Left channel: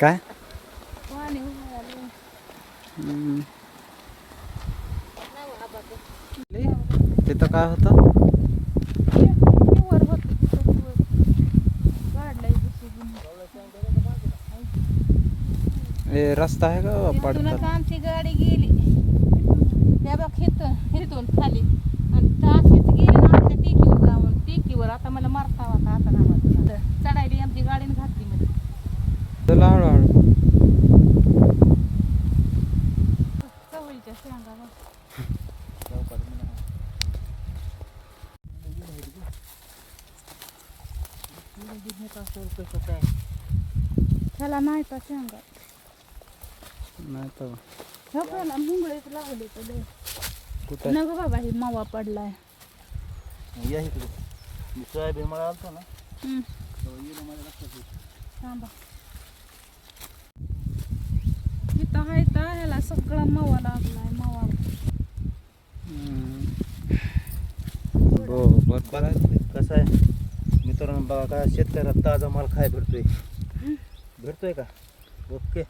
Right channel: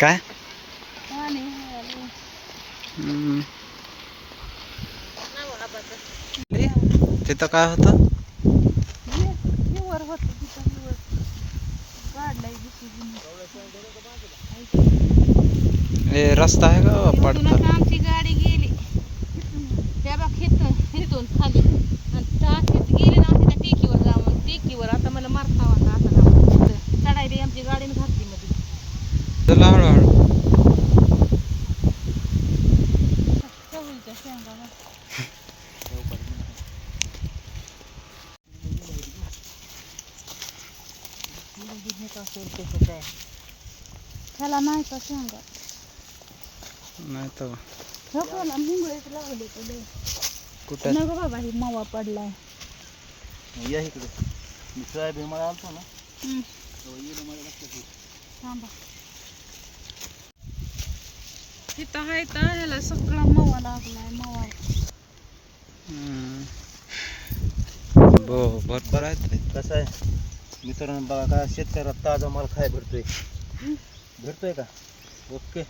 काय पाणी आलं. हम्म. तिथं काय होतं? वर होतं तिथं वर. काढलंय JCB ने. हे रस्ता आहे का इथून पडतात? आता आमची गाडी गेली. त्या बघ इथून खाली आणि अशीच गेली ना त्या टेकीवर जाऊन टेकीवर. आता मला मारता होता आता चढायला आमची गाडीने घातली मध्ये. चला हळूहळू. चवळीच्या शेंगा बघ. त्याला नाही का शेंगा नाही तर ह्याला मुंगळेच लावले तुला कुठं नको बाबा ही मावा पडलाय. या इकडे मी सोयाबीन मला आलता ना हम्म. तेव्हा येणं माझ्या लक्षात येईल. थांबा. इथं आहे तर ह्याला सगळा मावा लागलाय मावा. भरपूर आहेत. कसं आहे मित्रांनो बघा काय शेतकऱ्याला ताजा माल खाय भेटतोय का ओके.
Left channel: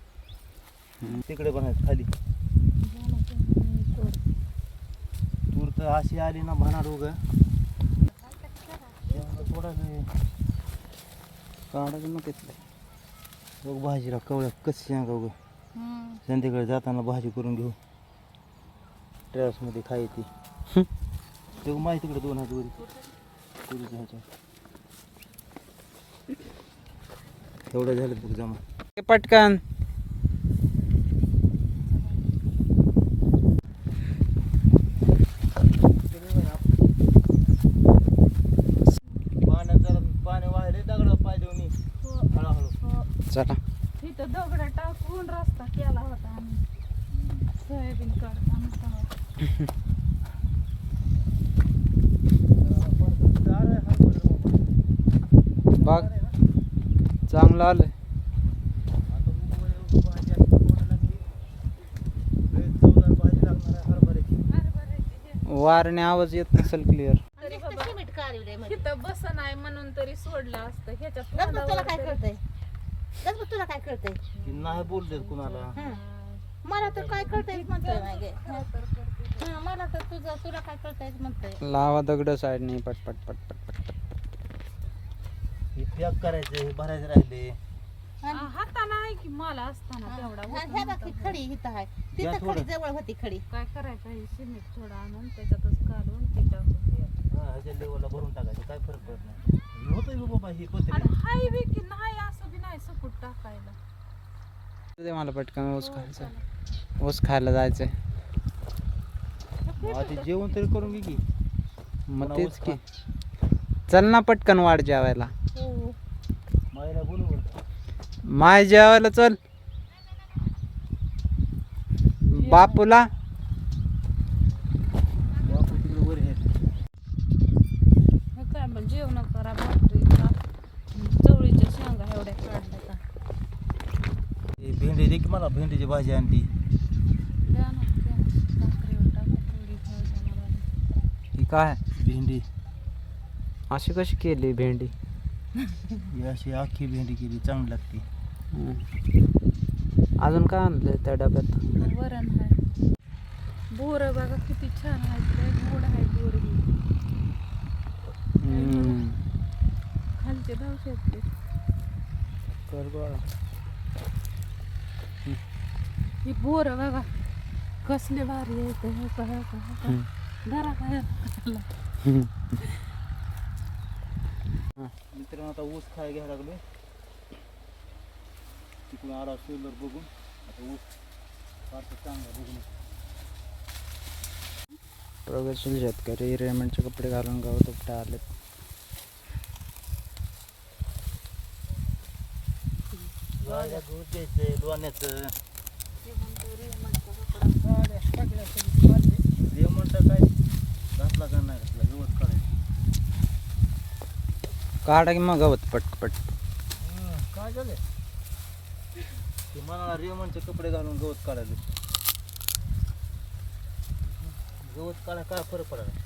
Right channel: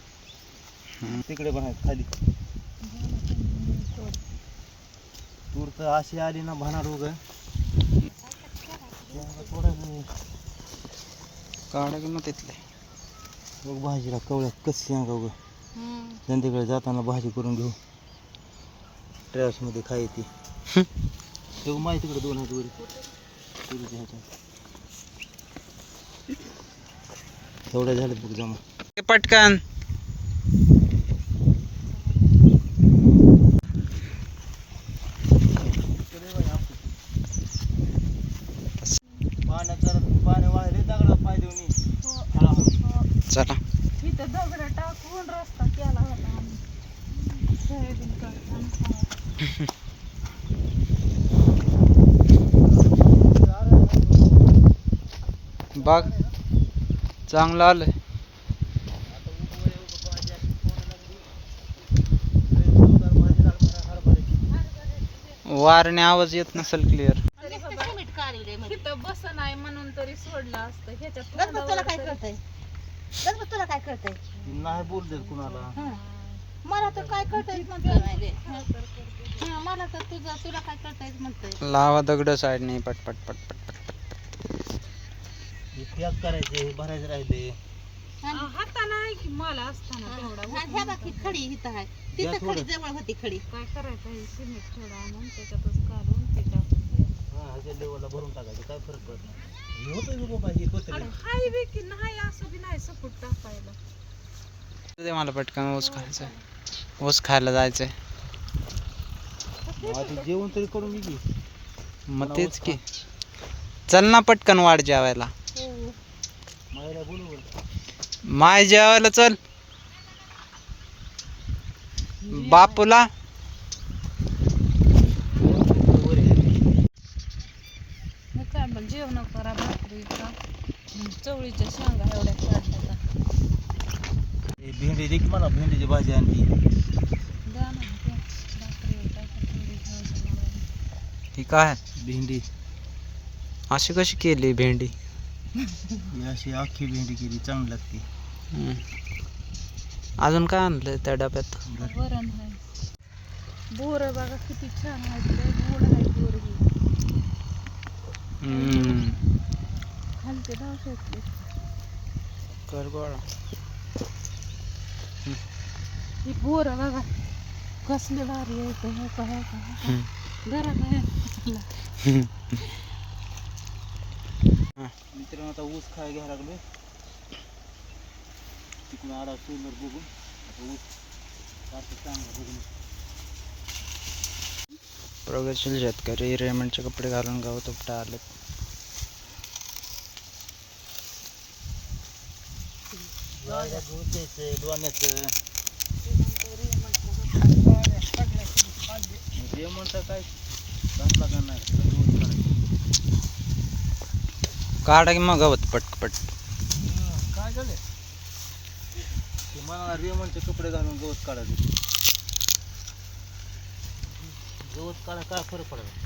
तिकडे बघा खाली तूर तर अशी आली ना भानार रोग थोडा काढा की मग तिथले. बघ भाजीला कवळ्या कशी सांगा उगं संध्याकाळी जाताना भाजी करून घेऊ ट्रॅव्हल्समध्ये खाय ती. तेव्हा माहिती तिकडे 2 हात वरी तुरीच्या ह्याच्या एवढं झालं बघ जमा. पटकन पाणी वाहिले दगडा पाय देऊन चला. इथं दगड टाकून रस्ता केला होता आम्ही सोयाबीन काढताना. बाग चांगलं आलंय. वारणे आवाज येत नसेल क्लिअर. इथं बस नाही म्हणून तरी सोडलं असतं ह्याच्यात. तुला काय कळतंय तुला काय कळतंय नाही बोलते कुणाला. मला तर काय कळतंय म्हणतोय माझे. मला तर तुला काय कळतंय म्हणतोय. लावा दगड साईड नाही पट पट पट पट पट पट. हे पॅक करायचे भरायचे राहिले. हाताला आहे की मला असताना तेवढा ह्या बाकी खडी इथं आहे तिथं खडी जवळ होती खडी. काय करायचं हे सिमेंट थोडं आणून त्याच्यातच काढून ते टाकून ह्याच्या लेवलला भरून टाकायचं काय फरक पडत नाही. होतंय बी बाबा ही कोथरी हायवे की नाही असं बी नाही सपोर्ट टाकायला. दे मला पटकन ऊस खायचंय. ऊस खायला जायचंय. आधी जेवण तरी करून घे. मग तेच की चल ना पटकन वाढ जेवायला. मायला बोलू माय जेवायला चल. बापूला काय मग जेवण करा भाकरी का चवळीच्या शेंगा एवढ्या काढल्या. भेंडी दे की मला भेंडीची भाजी आणली. द्या ना द्या. भाकरीवर टाका थोडी भाजी मला. ही काय भेंडी अशी कशी केली भेंडी? ही अशी अख्खी भेंडी केली चांगली लागते. अजून काय आणलंय त्या डब्यात? वरण आहे. बोर बघा किती छान आहेत. लय गोड आहे बोर ही. खालचे धावशेतले कर गोळा. ही बोर बघा कसले भारी आहेत. हे का हे का धरा काय मित्रांनो आता ऊस खाय घ्यायला लागलोय. तिकडून आला सोलर बघून आता ऊस फारसं चांगला बघून. प्रगतशील शेतकरी रेमंडचे कपडे घालून गावात उपटा आले. जायला गहू द्यायचं दोन्याचं जे म्हणतं काय घातला का नाही गवत काढायचं. काढा की मग गवत पट पट. काय झालं ते मला रेमंडचे कपडे घालून गवत काढायचे. गवत काढा काय फरक पडायला.